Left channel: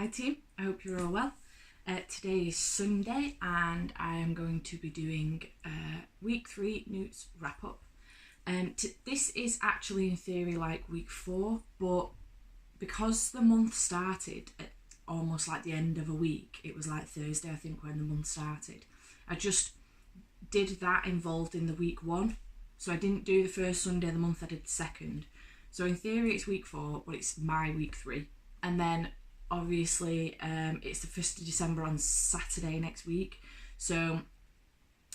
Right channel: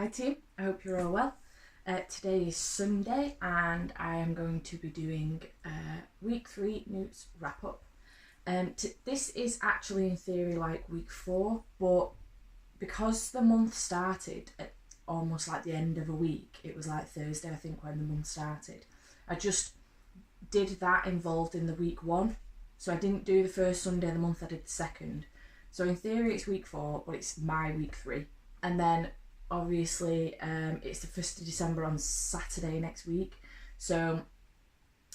Hi team, I hope you're all well. Today is Sunday and I am going to be doing week 3 NEWTs wrap up. This is actually in theory like week 4, but because the month started at almost like the end of a week, it was like Thursday I think when the month started, I just did that involved in the week 1. So I didn't do the first Sunday of the month, I did the second. So in theory it's week 4, but it's my week 3. And then obviously it's the 1st of December on Saturday next week. So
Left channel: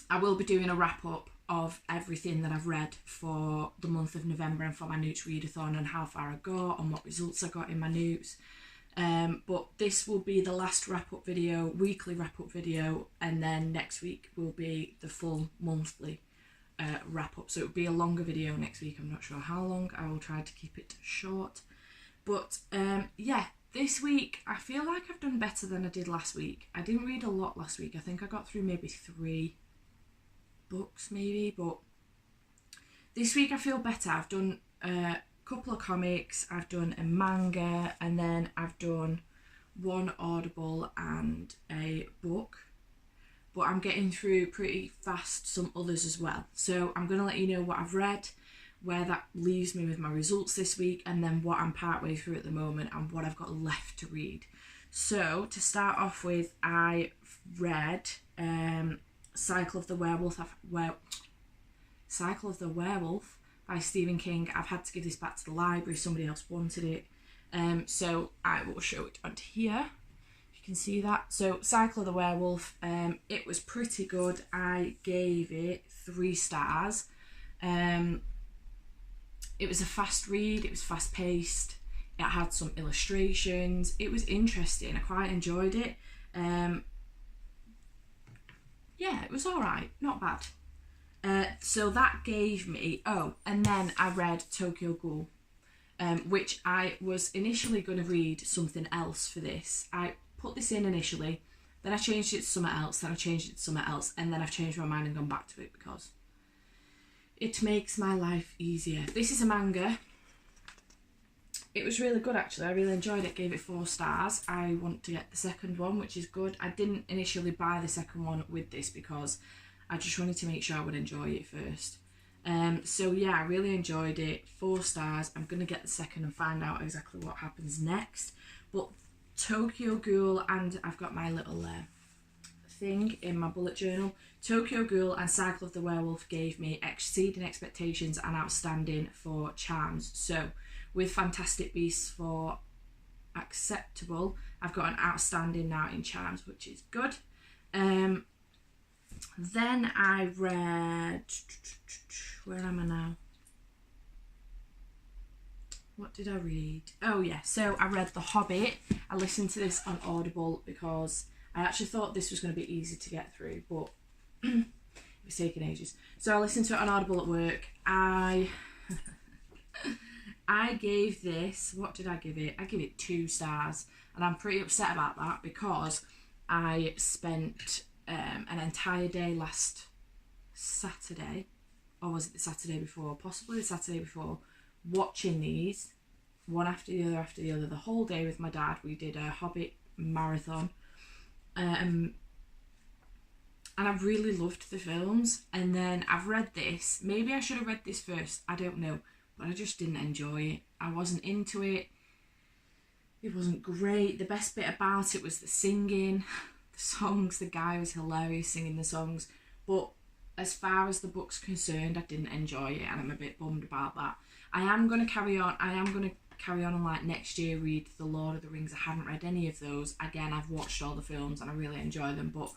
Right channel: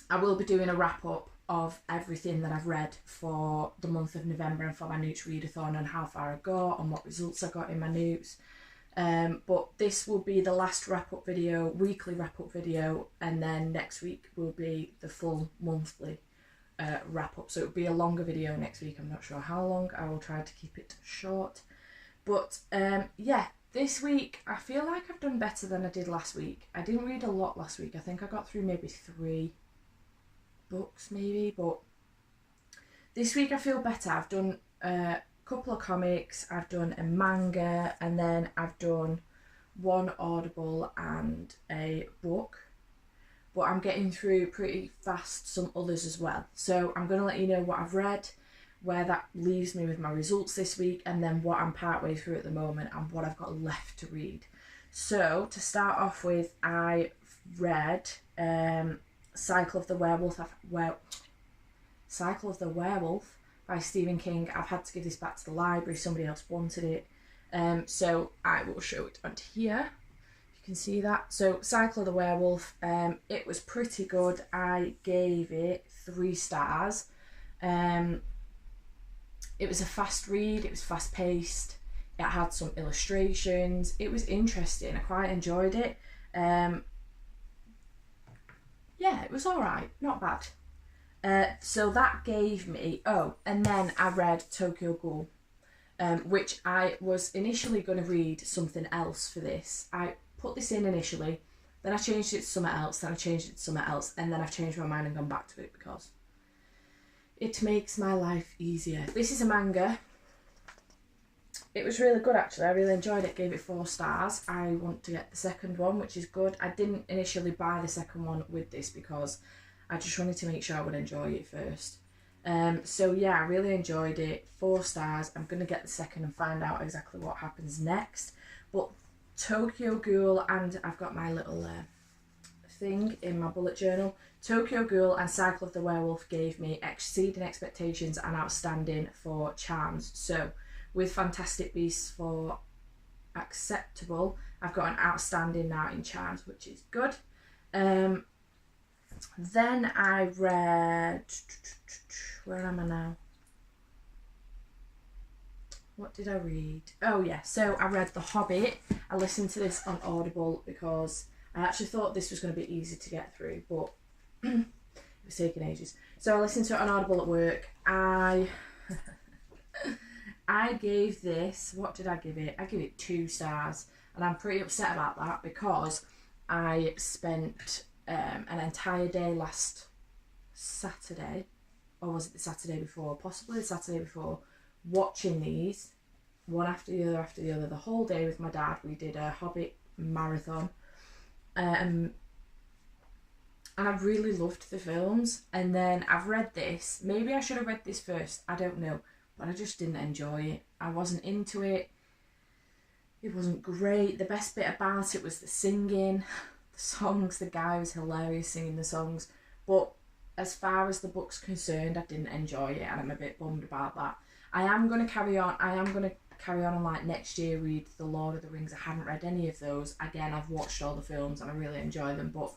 I will be doing a wrap up of everything that I've read for the month of November and for my NEWTs readathon and how far I got and what results I got in my NEWTs. But this will be the last wrap up video, weekly wrap up video, and then next week will be the full monthly wrap up. So it will be a longer video next week. I'm not sure how long. I will try to keep it short. But yeah, this week I feel like I've done better than I did last week. I didn't read a lot last week. I think I got through maybe 3 books maybe, but this week I feel better. I've done a couple of comics, I've done a manga, and then I've done 1 Audible and a book. But I'm getting through pretty fast some others as well. So I'm going to let you know what I've read, where that leaves me with my results this week, and then what I'm partway through at the moment and what I've got left to read. So to start off with, I read Cycle of the Werewolf by Stephen King. I've had to give this back to the library, somebody else wanted it. So I will show it onto here. You can see that. So Cycle of the Werewolf, it was pretty good. I gave it 3 stars. It was a fast read, it was fast paced, it had some illustrations, it was interesting, I quite enjoyed it. Yeah, it was alright, not bad. So that gave me, and then I read Tokyo Ghoul, which I was initially going to read something else for this. I put this in initially, then I changed it to something else, then I changed it to something else, and then I've changed my mind and gone back to it because it makes my life easier. This is a manga. It was really good actually. I really enjoyed it. Gave it 4 stars. I want to get the second one, which is good. I didn't initially buy the second one with this because I just wanted to make sure I would enjoy it first. So yeah, I really enjoyed it. 4 stars. I'm going to get the second and find out exactly what happens next. But Tokyo Ghoul, and I've got my little thing in my bullet journal. Tokyo Ghoul and Cycle of the Werewolf gave me exceeding expectations and outstanding for charms. So with Fantastic Beasts for acceptable, I've got an outstanding now in charms, which is good. Then I read, where am I now? What did I read? Oh yeah, so I read The Hobbit. I listened to this on Audible because I actually thought this was going to be easy to get through, but it was taking ages. So I listened to it on Audible at work. I gave this, what did I give it? I give it 2 stars, and I'm pretty upset about that because I spent an entire day last Saturday, or was it the Saturday before? Possibly the Saturday before, watching these one after the other, the whole day with my dad. We did a Hobbit marathon. And I've really loved the films, and then I've read this. Maybe I should have read this first, I don't know, but I just didn't enjoy it. I wasn't into it. It wasn't great. The best bit about it was the singing, the songs. The guy was hilarious singing the songs, but as far as the book's concerned, I didn't enjoy it, and I'm a bit bummed about that. I am going to carry on and like next year read The Lord of the Rings. I haven't read any of those. Again, I've watched all the films and I really enjoy them, but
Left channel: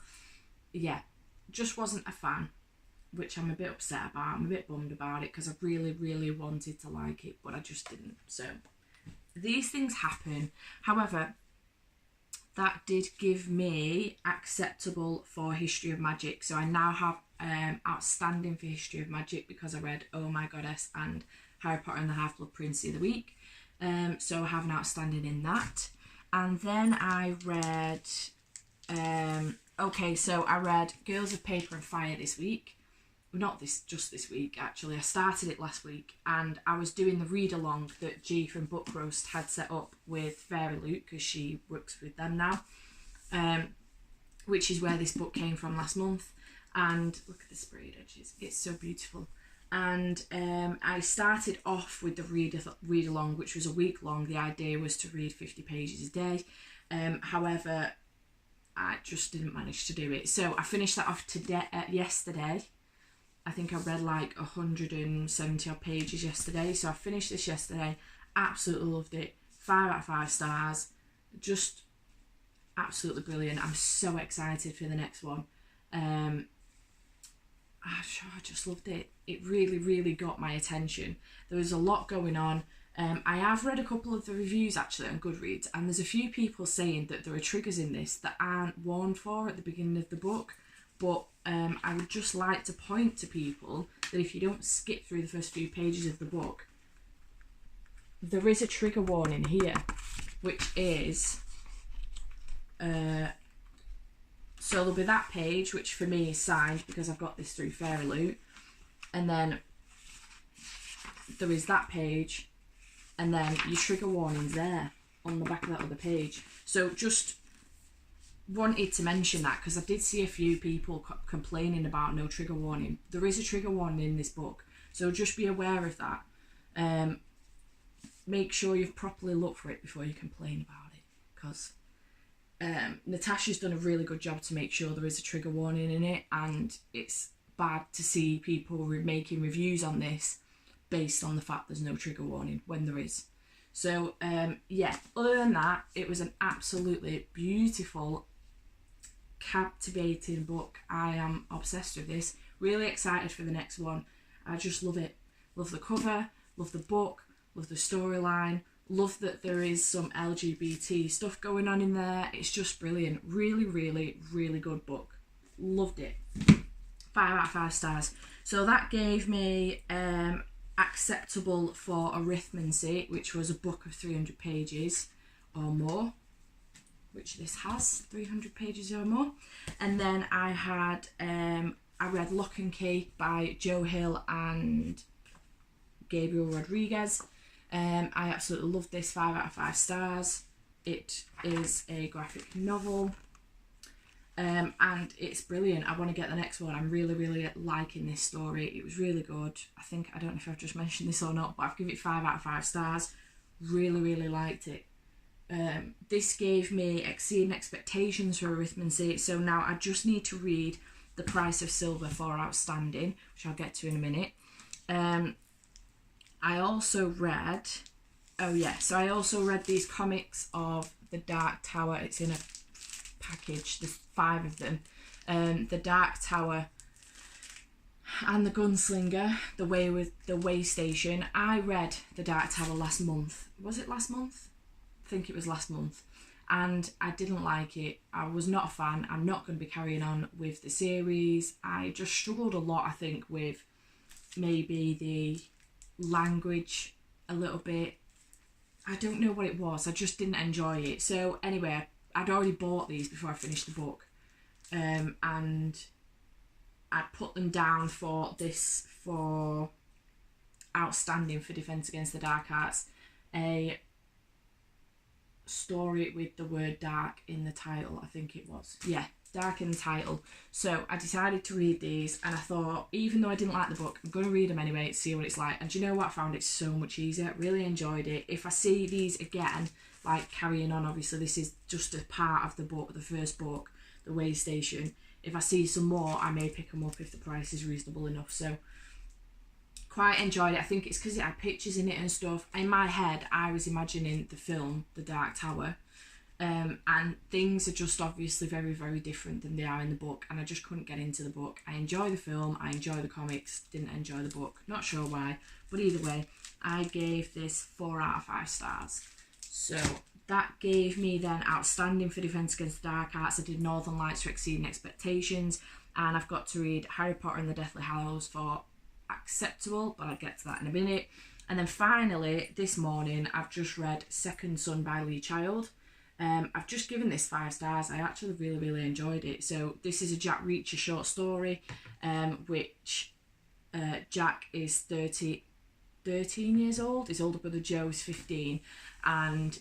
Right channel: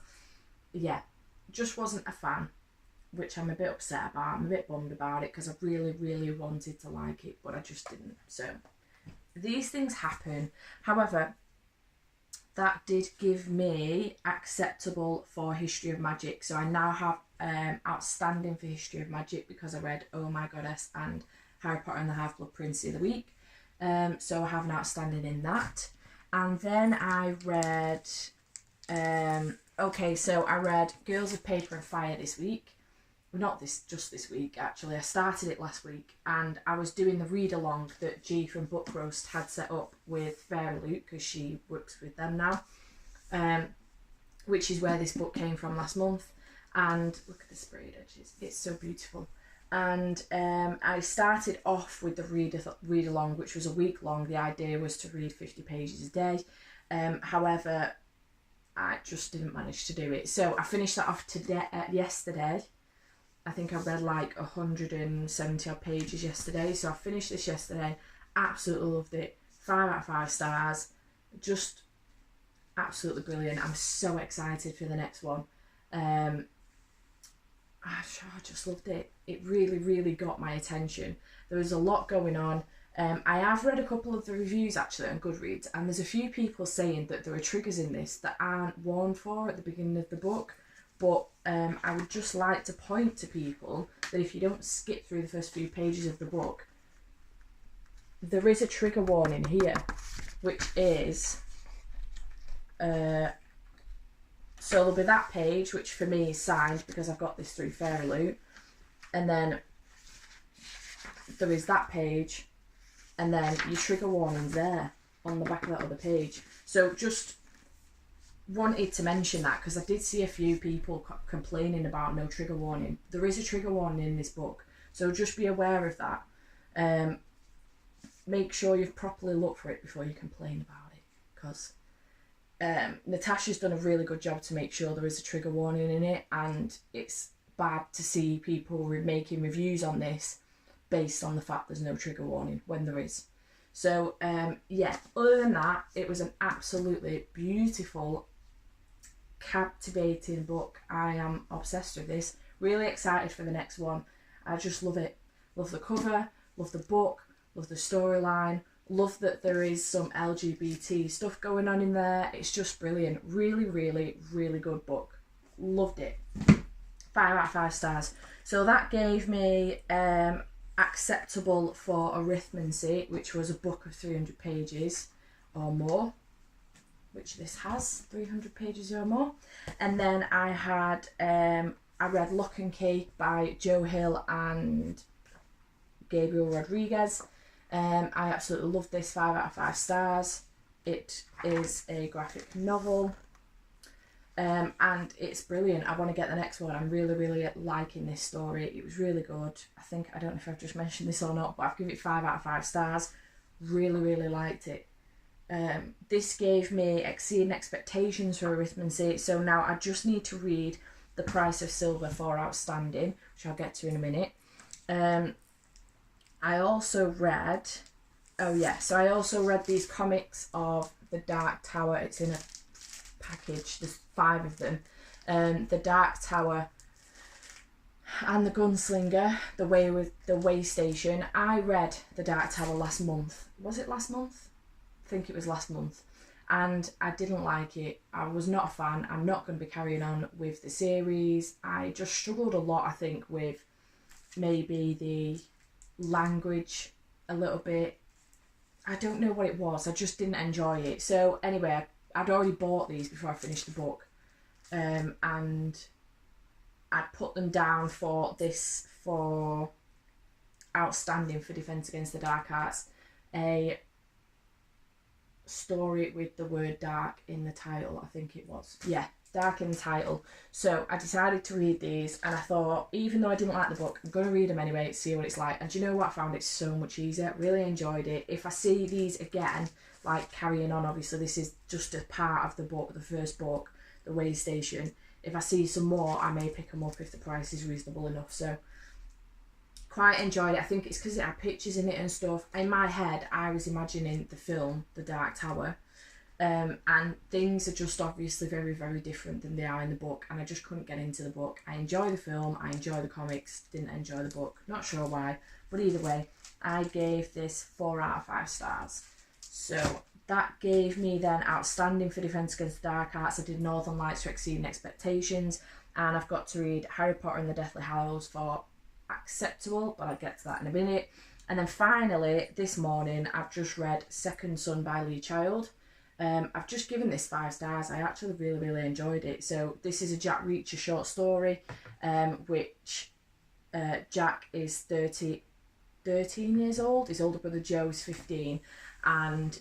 yeah, just wasn't a fan, which I'm a bit upset about. I'm a bit bummed about it because I really, really wanted to like it, but I just didn't. So these things happen. However, that did give me acceptable for History of Magic. So I now have outstanding for History of Magic because I read Oh My Goddess and Harry Potter and the Half-Blood Prince the other week. So I have an outstanding in that. And then I read, I read Girls of Paper and Fire this week. not just this week actually, I started it last week, and I was doing the read along that G from Book Roast had set up with Fairy Loot, because she works with them now, which is where this book came from last month. And look at the sprayed edges, it's so beautiful. And I started off with the read along, which was a week long. The idea was to read 50 pages a day. However, I just didn't manage to do it. So I finished that off yesterday. I think I read like 170 odd pages yesterday. So I finished this yesterday. Absolutely loved it. 5 out of 5 stars. Just absolutely brilliant. I'm so excited for the next one. I just loved it. It really, really got my attention. There was a lot going on. I have read a couple of the reviews actually on Goodreads, and there's a few people saying that there are triggers in this that aren't warned for at the beginning of the book. But I would just like to point to people that if you don't skip through the first few pages of the book, there is a trigger warning here, which is so there'll be that page, which for me is signed because I've got this through Fairy Loot, and then there is that page, and then your trigger warning's there on the back of that other page. So just wanted to mention that because I did see a few people complaining about no trigger warning. There is a trigger warning in this book, so just be aware of that. Make sure you've properly looked for it before you complain about it, because Natasha's done a really good job to make sure there is a trigger warning in it, and it's bad to see people making reviews on this based on the fact there's no trigger warning when there is. So yeah, other than that, it was an absolutely beautiful, captivating book. I am obsessed with this. Really excited for the next one. I just love it. Love the cover, love the book, love the storyline, love that there is some LGBT stuff going on in there. It's just brilliant. Really, really, really good book. Loved it. 5 out of 5 stars. So that gave me acceptable for arithmancy, which was a book of 300 pages or more, which this has 300 pages or more. And then I had I read Lock and Key by Joe Hill and Gabriel Rodriguez. I absolutely loved this. 5 out of 5 stars. It is a graphic novel, and it's brilliant. I want to get the next one. I'm really, really liking this story. It was really good. I don't know if I've just mentioned this or not, but I've given it 5 out of 5 stars. Really, really liked it. This gave me exceeding expectations for arithmancy, so now I just need to read The Price of Silver for Outstanding, which I'll get to in a minute. I also read these comics of The Dark Tower. It's in a package, there's 5 of them. The Dark Tower and The Gunslinger, The Way Station. I read The Dark Tower last month. Was it last month? I think it was last month, and I didn't like it. I was not a fan. I'm not going to be carrying on with the series. I just struggled a lot, I think, with maybe the language a little bit. I don't know what it was. I just didn't enjoy it. So anyway, I'd already bought these before I finished the book, and I put them down for Outstanding for Defence Against the Dark Arts, a story with the word dark in the title, I think it was. Yeah, dark in the title. So I decided to read these, and I thought, even though I didn't like the book, I'm going to read them anyway to see what it's like. And do you know what? I found it so much easier. Really enjoyed it. If I see these again, like carrying on, obviously this is just a part of the book, the first book, The Way Station. If I see some more, I may pick them up if the price is reasonable enough. So quite enjoyed it. I think it's because it had pictures in it and stuff. In my head, I was imagining the film, The Dark Tower, and things are just obviously very, very different than they are in the book, and I just couldn't get into the book. I enjoy the film, I enjoy the comics, didn't enjoy the book. Not sure why, but either way, I gave this 4 out of 5 stars. So that gave me then Outstanding for Defence Against the Dark Arts. I did Northern Lights for Exceeding Expectations, and I've got to read Harry Potter and the Deathly Hallows for acceptable, but I'll get to that in a minute. And then finally, this morning, I've just read Second Son by Lee Child. I've just given this 5 stars. I actually really, really enjoyed it. So this is a Jack Reacher short story, which Jack is 13 years old. His older brother Joe is 15. And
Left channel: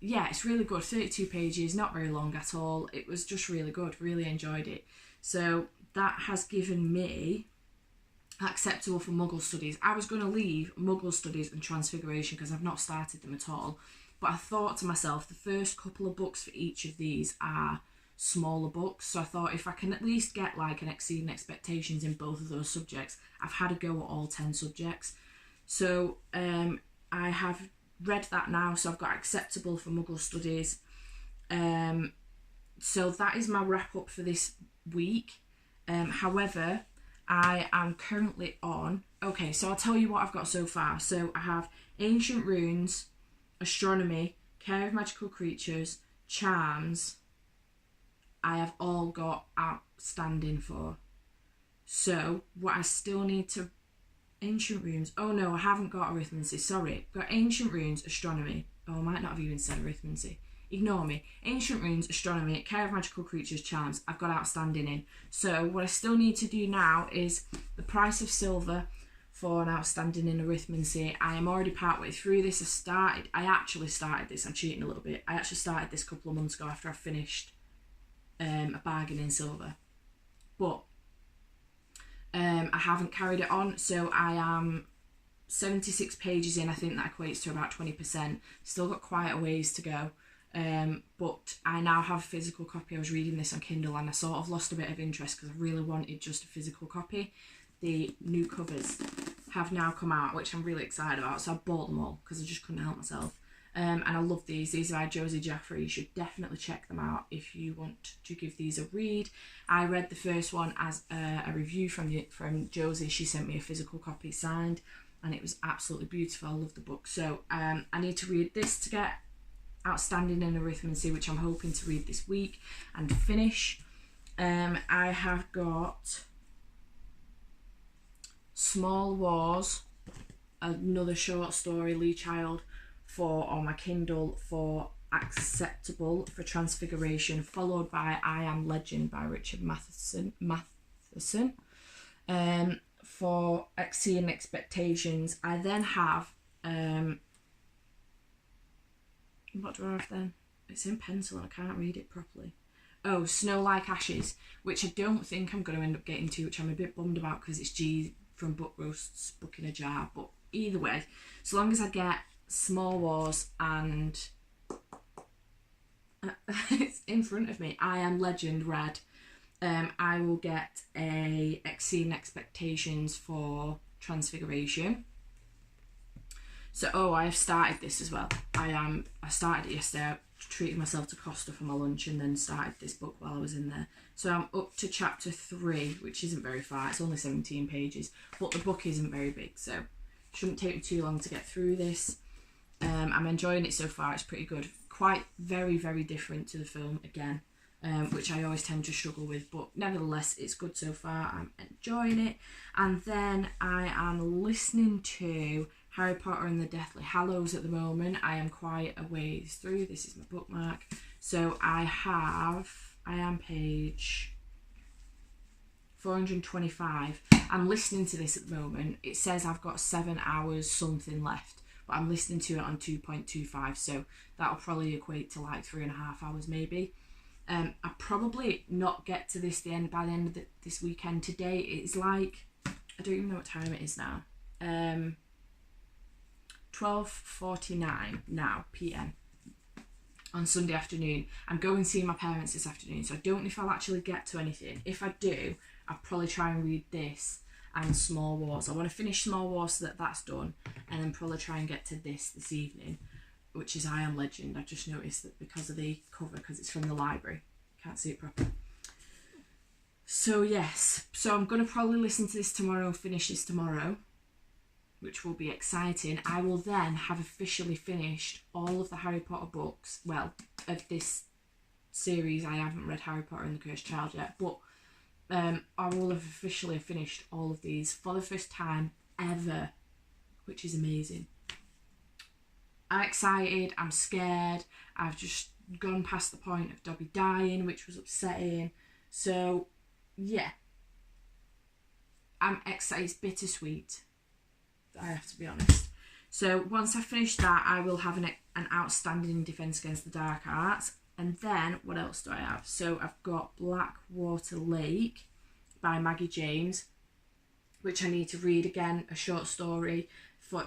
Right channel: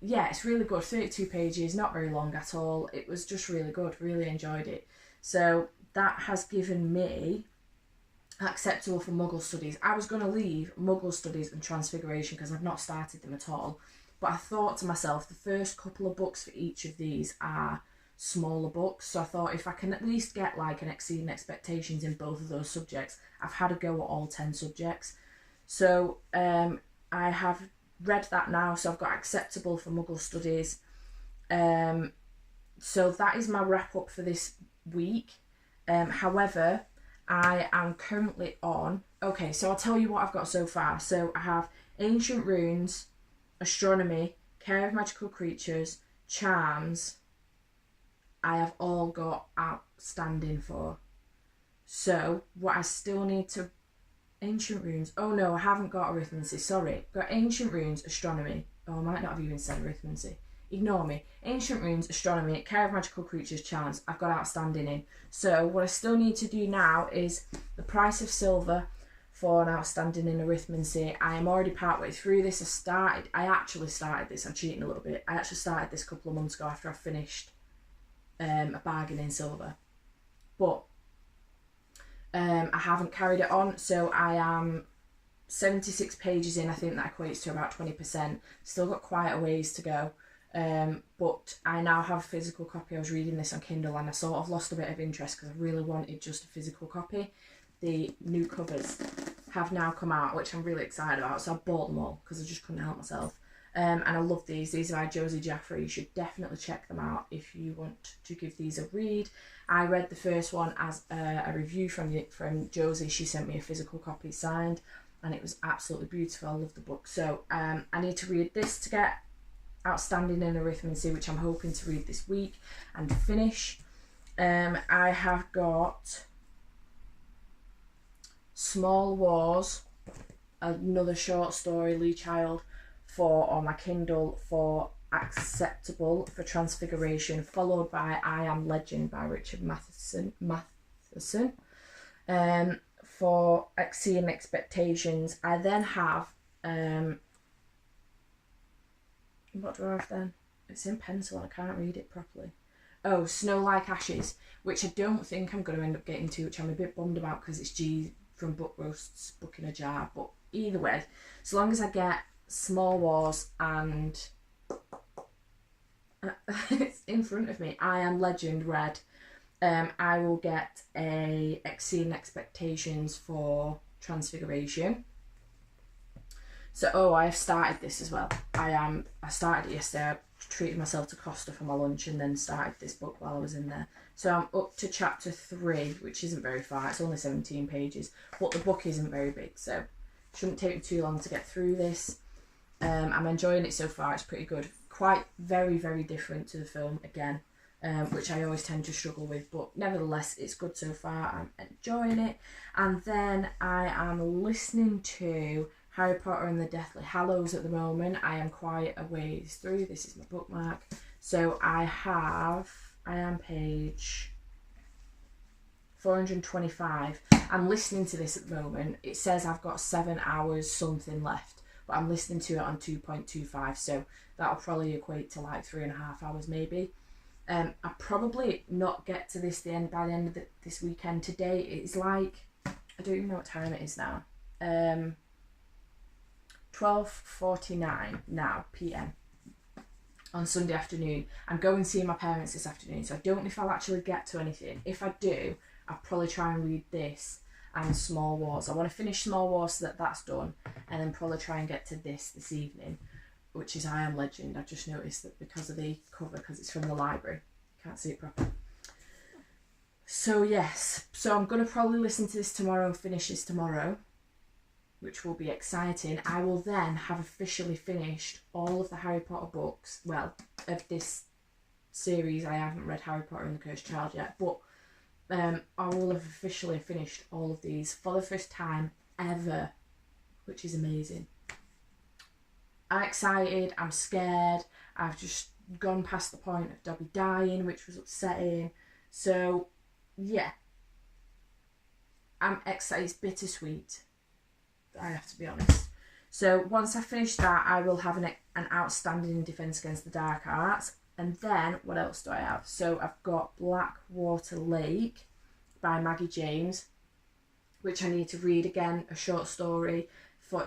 yeah, it's really good. 32 pages, not very long at all. It was just really good. Really enjoyed it. So that has given me acceptable for Muggle Studies. I was going to leave Muggle Studies and Transfiguration because I've not started them at all. But I thought to myself, the first couple of books for each of these are smaller books. So I thought if I can at least get like an Exceeding Expectations in both of those subjects, I've had a go at all 10 subjects. So I have read that now. So I've got acceptable for Muggle Studies. So that is my wrap up for this week. However, I am currently on... Okay, so I'll tell you what I've got so far. So I have Ancient Runes, Astronomy, Care of Magical Creatures, Charms. I have all got outstanding for. So what I still need to... Ancient Runes. Oh no, I haven't got Arithmancy. Sorry. I've got Ancient Runes, Astronomy. Oh, I might not have even said Arithmancy. Ignore me. Ancient Runes, Astronomy, Care of Magical Creatures, Charms. I've got outstanding in. So what I still need to do now is the price of silver for an outstanding in Arithmancy. I am already partway through this. I actually started this. I'm cheating a little bit. I actually started this a couple of months ago after I finished a bargain in silver. But I haven't carried it on. So I am 76 pages in. I think that equates to about 20%. Still got quite a ways to go. But I now have a physical copy. I was reading this on Kindle and I sort of lost a bit of interest because I really wanted just a physical copy. The new covers have now come out, which I'm really excited about, so I bought them all because I just couldn't help myself. And I love these. These are by Josie Jaffe. You should definitely check them out if you want to give these a read. I read the first one as a review from Josie. She sent me a physical copy signed and it was absolutely beautiful. I love the book. So I need to read this to get outstanding in Arithmancy, which I'm hoping to read this week and finish. I have got Small Wars, another short story, Lee Child, on my Kindle for acceptable for Transfiguration, followed by I Am Legend by Richard Matheson for Exceeding Expectations. I then have what do I have then? It's in pencil and I can't read it properly. Oh, Snow Like Ashes, which I don't think I'm going to end up getting to, which I'm a bit bummed about because it's G from Book Roast's Book in a Jar. But either way, as long as I get Small Wars and it's in front of me, I Am Legend read, I will get a Exceeding Expectations for Transfiguration. So, I have started this as well. I started it yesterday. I treated myself to Costa for my lunch and then started this book while I was in there. So I'm up to chapter 3, which isn't very far. It's only 17 pages, but the book isn't very big, so it shouldn't take me too long to get through this. I'm enjoying it so far. It's pretty good. Quite very, very different to the film again, which I always tend to struggle with, but nevertheless, it's good so far. I'm enjoying it. And then I am listening to Harry Potter and the Deathly Hallows at the moment. I am quite a ways through. This is my bookmark. So I am page 425. I'm listening to this at the moment. It says I've got 7 hours something left, but I'm listening to it on 2.25, so that'll probably equate to like 3.5 hours maybe. I'll probably not get to this by the end of this weekend. Today it's like, I don't even know what time it is now. 12:49 now PM on Sunday afternoon. I'm going to see my parents this afternoon, so I don't know if I'll actually get to anything. If I do, I'll probably try and read this and Small Wars. I want to finish Small Wars so that's done, and then probably try and get to this evening, which is I Am Legend. I just noticed that because of the cover, because it's from the library, can't see it properly. So yes, so I'm going to probably listen to this tomorrow and finish this tomorrow, which will be exciting. I will then have officially finished all of the Harry Potter books. Well, of this series, I haven't read Harry Potter and the Cursed Child yet, but I will have officially finished all of these for the first time ever, which is amazing. I'm excited, I'm scared, I've just gone past the point of Dobby dying, which was upsetting. So, yeah. I'm excited. It's bittersweet, I have to be honest. So once I finish that, I will have an outstanding Defence Against the Dark Arts. And then, what else do I have? So I've got Blackwater Lake by Maggie James, which I need to read again, a short story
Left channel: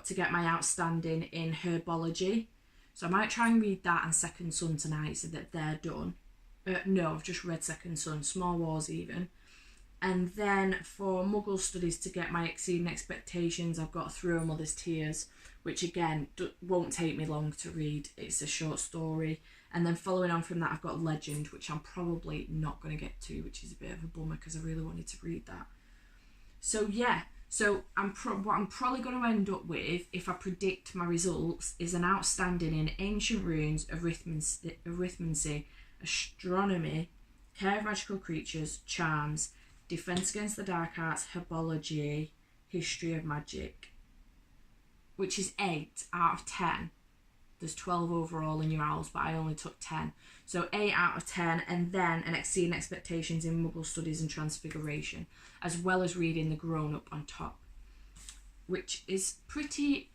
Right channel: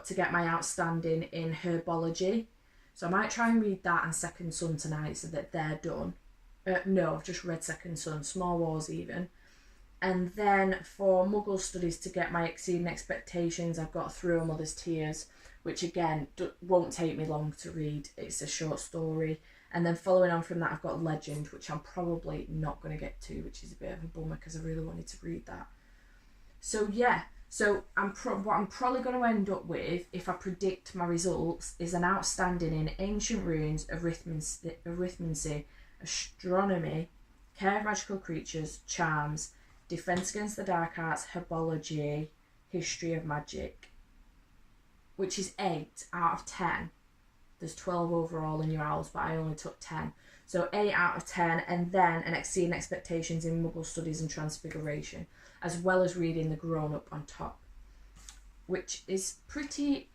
to get my outstanding in herbology. So I might try and read that and Second Son tonight so that they're done. No, I've just read Second Son, Small Wars even. And then for Muggle Studies, to get my Exceeding Expectations, I've got Through a Mother's Tears, which again won't take me long to read. It's a short story. And then following on from that, I've got Legend, which I'm probably not going to get to, which is a bit of a bummer because I really wanted to read that. So yeah, so what I'm probably going to end up with, if I predict my results, is an outstanding in Ancient Runes, Arithmancy, Astronomy, Care of Magical Creatures, Charms, Defence Against the Dark Arts, Herbology, History of Magic, which is 8 out of 10. There's 12 overall in your owls, but I only took 10. So 8 out of 10, and then an Exceeding Expectations in Muggle Studies and Transfiguration, as well as reading The Grown Up on top, which is pretty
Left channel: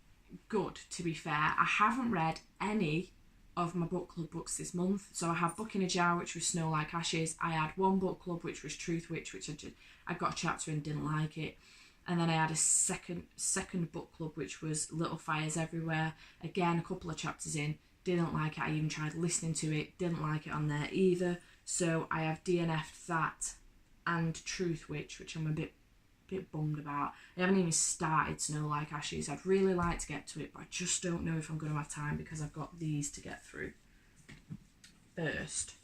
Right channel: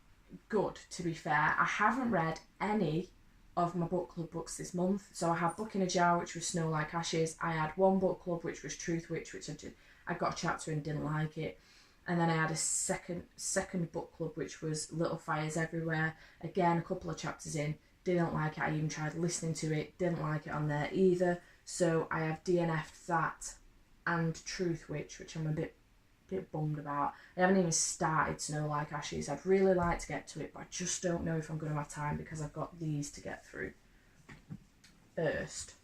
good, to be fair. I haven't read any of my book club books this month. So I had Book in a Jar, which was Snow Like Ashes. I had one book club, which was Truth Witch, which I got a chapter and didn't like it. And then I had a second book club, which was Little Fires Everywhere. Again, a couple of chapters in, didn't like it. I even tried listening to it, didn't like it on there either. So I have DNF'd that and Truth Witch, which I'm a bit bummed about. I haven't even started Snow Like Ashes. I'd really like to get to it, but I just don't know if I'm going to have time because I've got these to get through first.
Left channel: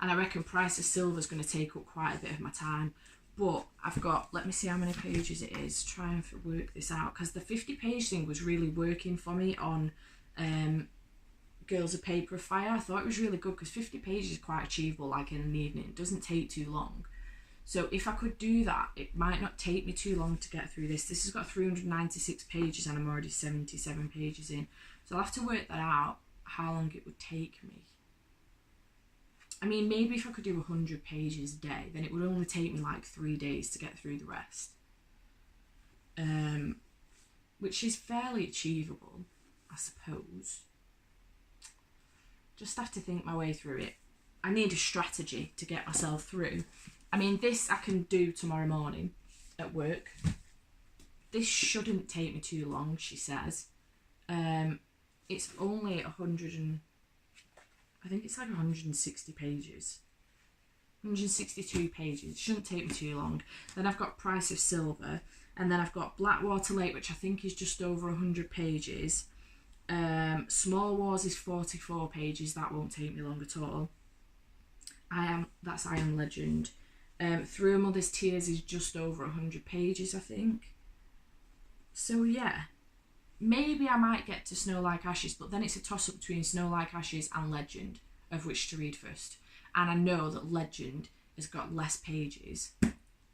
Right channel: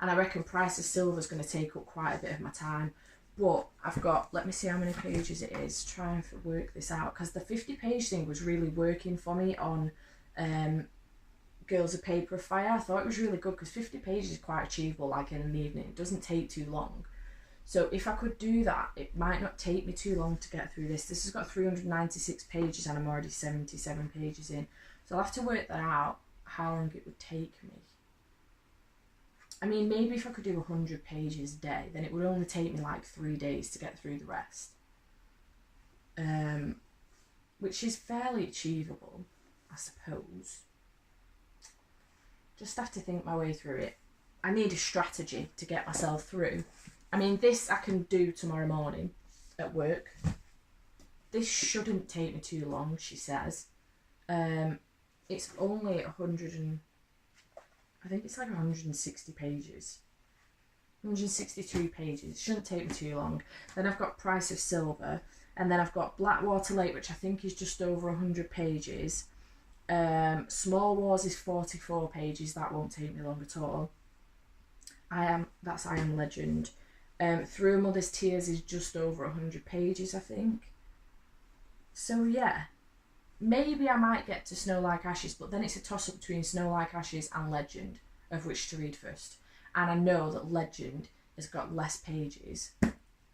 And I reckon Price of Silver is going to take up quite a bit of my time. But I've got, let me see how many pages it is, try and work this out, because the 50-page thing was really working for me on Girls of Paper of Fire. I thought it was really good because 50 pages is quite achievable, like in an evening. It doesn't take too long. So if I could do that, it might not take me too long to get through this. This has got 396 pages and I'm already 77 pages in. So I'll have to work that out, how long it would take me. I mean, maybe if I could do 100 pages a day, then it would only take me like 3 days to get through the rest. Which is fairly achievable, I suppose. Just have to think my way through it. I need a strategy to get myself through. I mean, this I can do tomorrow morning at work. This shouldn't take me too long, she says. It's only 160 pages. 162 pages. It shouldn't take me too long. Then I've got Price of Silver. And then I've got Blackwater Lake, which I think is just over 100 pages. Small Wars is 44 pages. That won't take me long at all. I Am Legend. Through a Mother's Tears is just over 100 pages, I think. So yeah, maybe I might get to Snow Like Ashes, but then it's a toss-up between Snow Like Ashes and Legend, of which to read first. And I know that Legend has got less pages.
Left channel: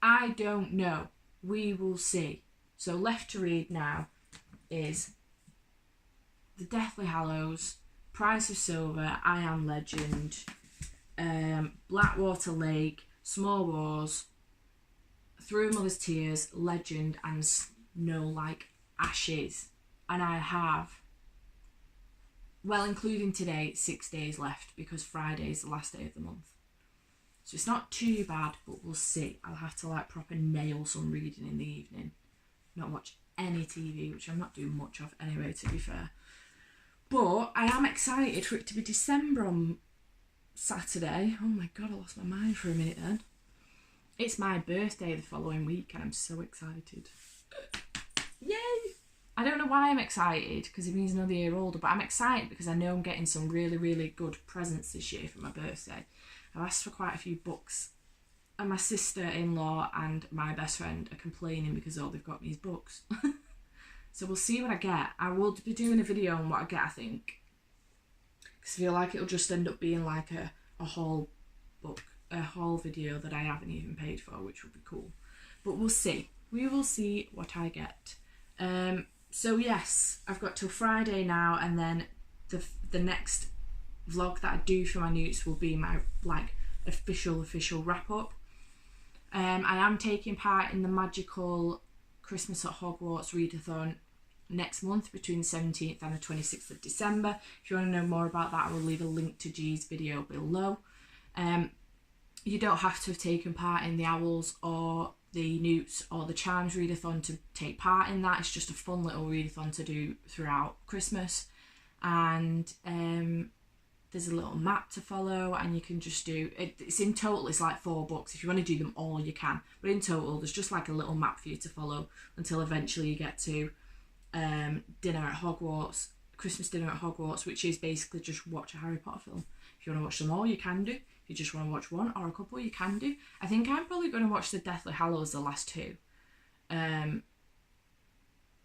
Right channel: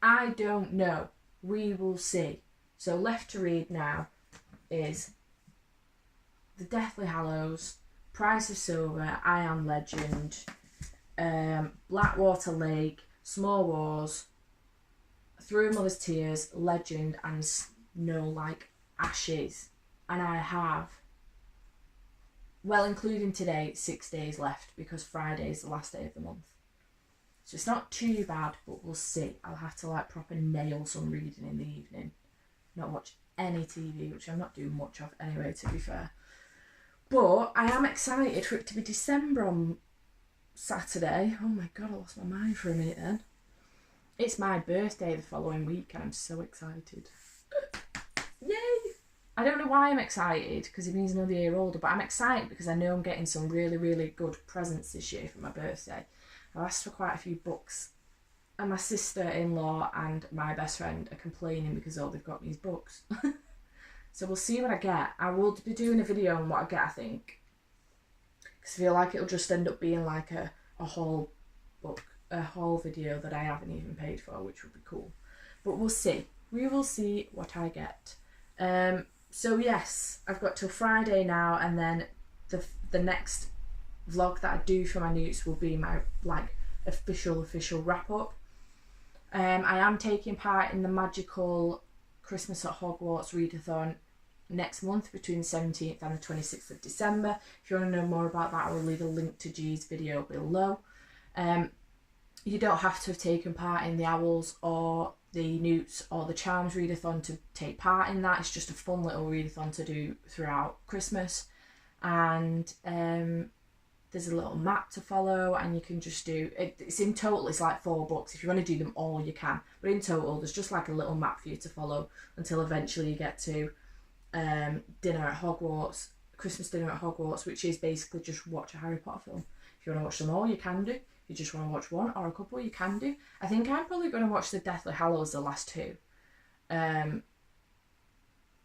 I don't know. We will see. So left to read now is The Deathly Hallows, Price of Silver, I Am Legend, Blackwater Lake, Small Wars, Through a Mother's Tears, Legend, and Snow Like Ashes. And I have, well, including today, 6 days left because Friday is the last day of the month. So it's not too bad, but we'll see. I'll have to like proper nail some reading in the evening. Not watch any TV, which I'm not doing much of anyway, to be fair. But I am excited for it to be December on Saturday. Oh my God, I lost my mind for a minute then. It's my birthday the following week and I'm so excited. Yay! I don't know why I'm excited, because it means another year older, but I'm excited because I know I'm getting some really, really good presents this year for my birthday. I've asked for quite a few books, and my sister-in-law and my best friend are complaining because all they've got me is books. So we'll see what I get. I will be doing a video on what I get, I think, because I feel like it'll just end up being like a haul book, a haul video that I haven't even paid for, which would be cool. But we'll see. We will see what I get. So yes, I've got till Friday now, and then the next vlog that I do for my NEWTs will be my like official wrap up. I am taking part in the magical Christmas at Hogwarts readathon next month between the 17th and the 26th of December. If you want to know more about that, I will leave a link to G's video below. You don't have to have taken part in the Owls or the Newts or the Charms readathon to take part in that. It's just a fun little readathon to do throughout Christmas. And there's a little map to follow, and you can just do it. It's in total, it's like 4 books. If you want to do them all, you can, but in total there's just like a little map for you to follow until eventually you get to dinner at Hogwarts, Christmas dinner at Hogwarts, which is basically just watch a Harry Potter film. If you want to watch them all, you can do. If you just want to watch one or a couple, you can do. I think I'm probably going to watch the Deathly Hallows, the last 2,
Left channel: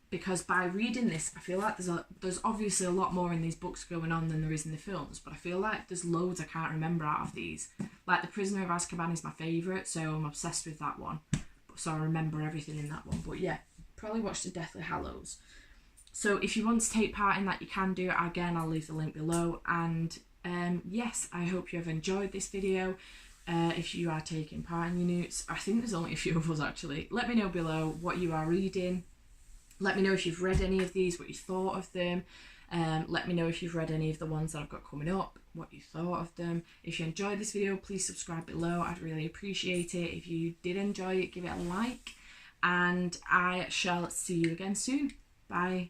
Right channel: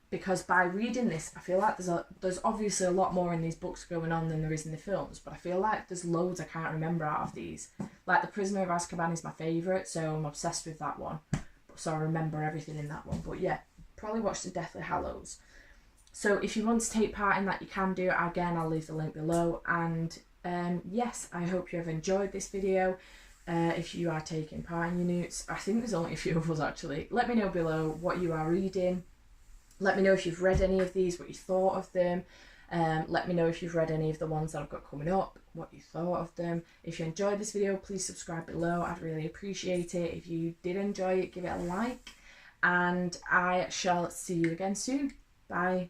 because by reading this, I feel like there's obviously a lot more in these books going on than there is in the films, but I feel like there's loads I can't remember out of these. Like The Prisoner of Azkaban is my favourite, so I'm obsessed with that one, so I remember everything in that one. But yeah, probably watch the Deathly Hallows. So if you want to take part in that, you can do it. Again, I'll leave the link below. And yes, I hope you have enjoyed this video. If you are taking part in your Newts, I think there's only a few of us actually. Let me know below what you are reading. Let me know if you've read any of these, what you thought of them. Let me know if you've read any of the ones that I've got coming up, what you thought of them. If you enjoyed this video, please subscribe below. I'd really appreciate it. If you did enjoy it, give it a like. And I shall see you again soon. Bye.